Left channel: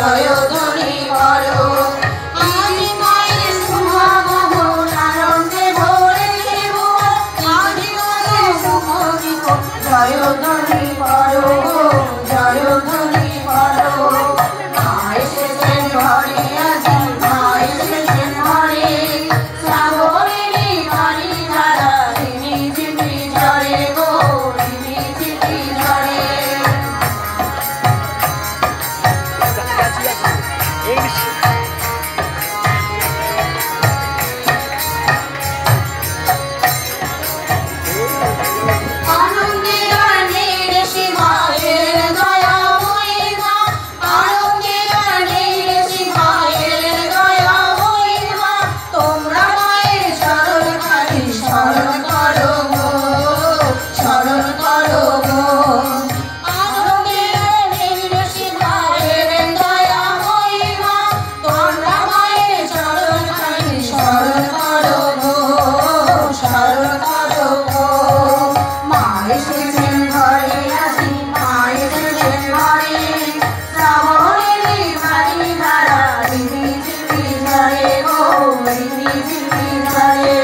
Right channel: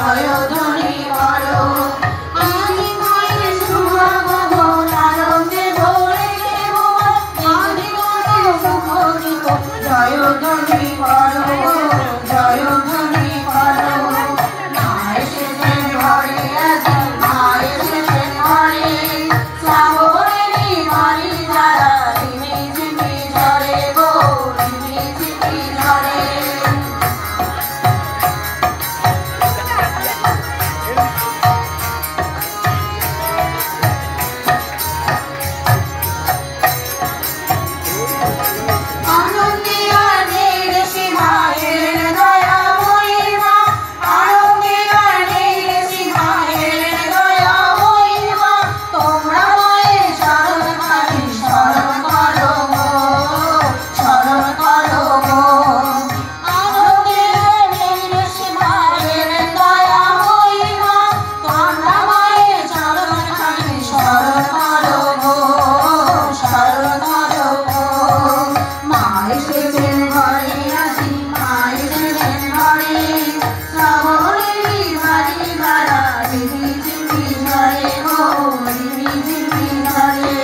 জয়ধ্বনি করো। আজি মায়ের সুমগহ আনন্দে ভরেছে ভুবন, আজি মায়ের সুমগহ জয়ধ্বনি করো, জয়ধ্বনি করো। মা এসেছেন ঘরে, আজি মা এসেছেন ঘরে, শ্রাবণেরই বাড়ি ধারা ঝিমি ঝিমি ঝরে গো, ঝিমি ঝিমি ঝরে। আনন্দে আনের সিংহায়ের দয়া হইবা, আনন্দে আনের সিংহায়ের দয়া হইবা। তোমরা মায়ের শরণ খানি শরণ করো গো, শরণ করো গো। আনন্দে আনের সিংহায়ের দয়া হইবা, তোমরা মায়ের শরণ খানি শরণ করো গো, শরণ করো গো। মা এসেছেন ঘরে, আজি মা এসেছেন ঘরে, শ্রাবণেরই বাড়ি ধারা ঝিমি ঝিমি ঝরে গো, ঝিমি ঝিমি ঝরে।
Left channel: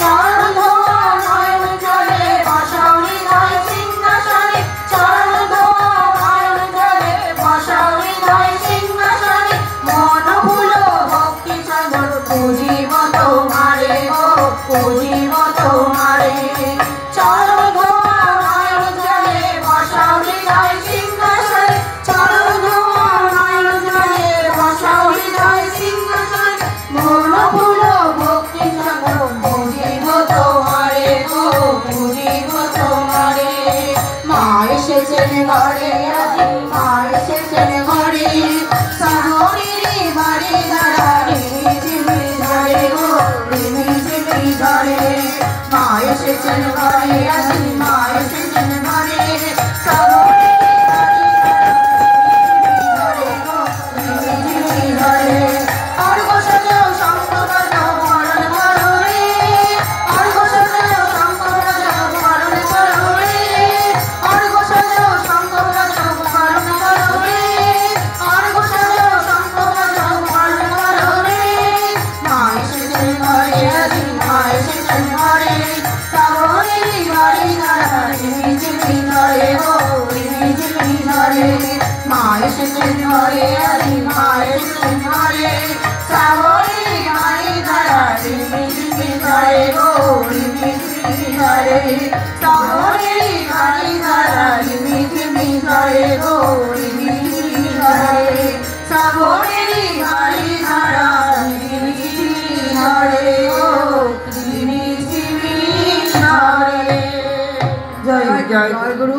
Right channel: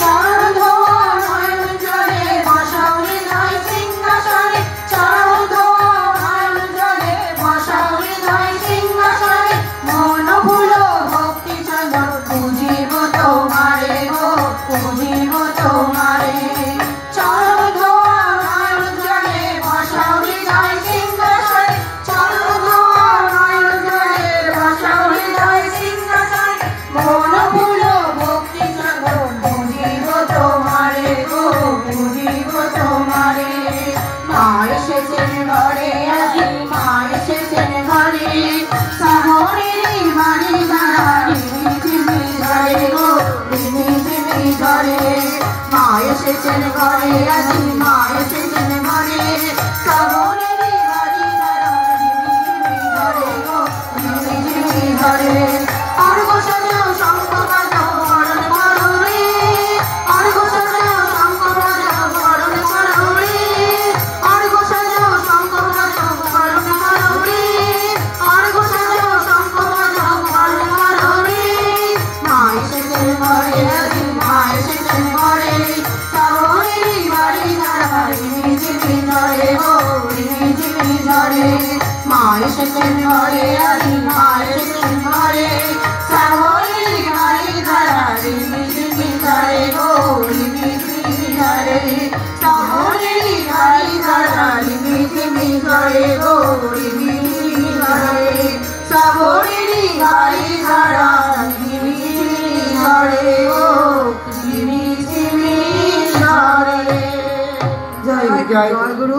চরণ ধোয়া নয়ন জলে বসাও হৃদয় সিংহাসনে, চরণ ধোয়া নয়ন জলে বসাও হৃদয় সিংহাসনে। মন ভুলো ভক্তি সাগর পুজিব তোমারে গো, পুজিব তোমারে। চরণ ধোয়া নয়ন জলে বসাও হৃদয় সিংহাসনে, চরণ ধোয়া নয়ন জলে বসাও হৃদয় সিংহাসনে। মন ভুলো ভক্তি সাগর পুজিব তোমারে গো, পুজিব তোমারে। মা এসেছেন ঘরে, আজি মা এসেছেন ঘরে, শ্রাবণেরই বাড়ি ধারা ঝিমি ঝিমি ঝরে গো, ঝিমি ঝিমি ঝরে। মা এসেছেন ঘরে, আজি মা এসেছেন ঘরে, শ্রাবণেরই বাড়ি ধারা ঝিমি ঝিমি ঝরে গো, ঝিমি ঝিমি ঝরে। অর্ঘ সাজাও শঙ্খ বাজাও বরণ করো রে, অর্ঘ সাজাও শঙ্খ বাজাও বরণ করো রে, অর্ঘ সাজাও শঙ্খ বাজাও বরণ করো রে, অর্ঘ সাজাও শঙ্খ বাজাও বরণ করো রে। মা এসেছেন ঘরে, আজি মা এসেছেন ঘরে, শ্রাবণেরই বাড়ি ধারা ঝিমি ঝিমি ঝরে গো, ঝিমি ঝিমি ঝরে। মা এসেছেন ঘরে, আজি মা এসেছেন ঘরে, শ্রাবণেরই বাড়ি ধারা ঝিমি ঝিমি ঝরে গো, ঝিমি ঝিমি ঝরে। শ্রাবণেরই বাড়ি ধারা ঝিমি ঝিমি ঝরে গো, ঝিমি ঝিমি ঝরে। শ্রাবণেরই বাড়ি ধারা ঝিমি ঝিমি ঝরে গো, ঝিমি ঝিমি ঝরে। জয় গুরু।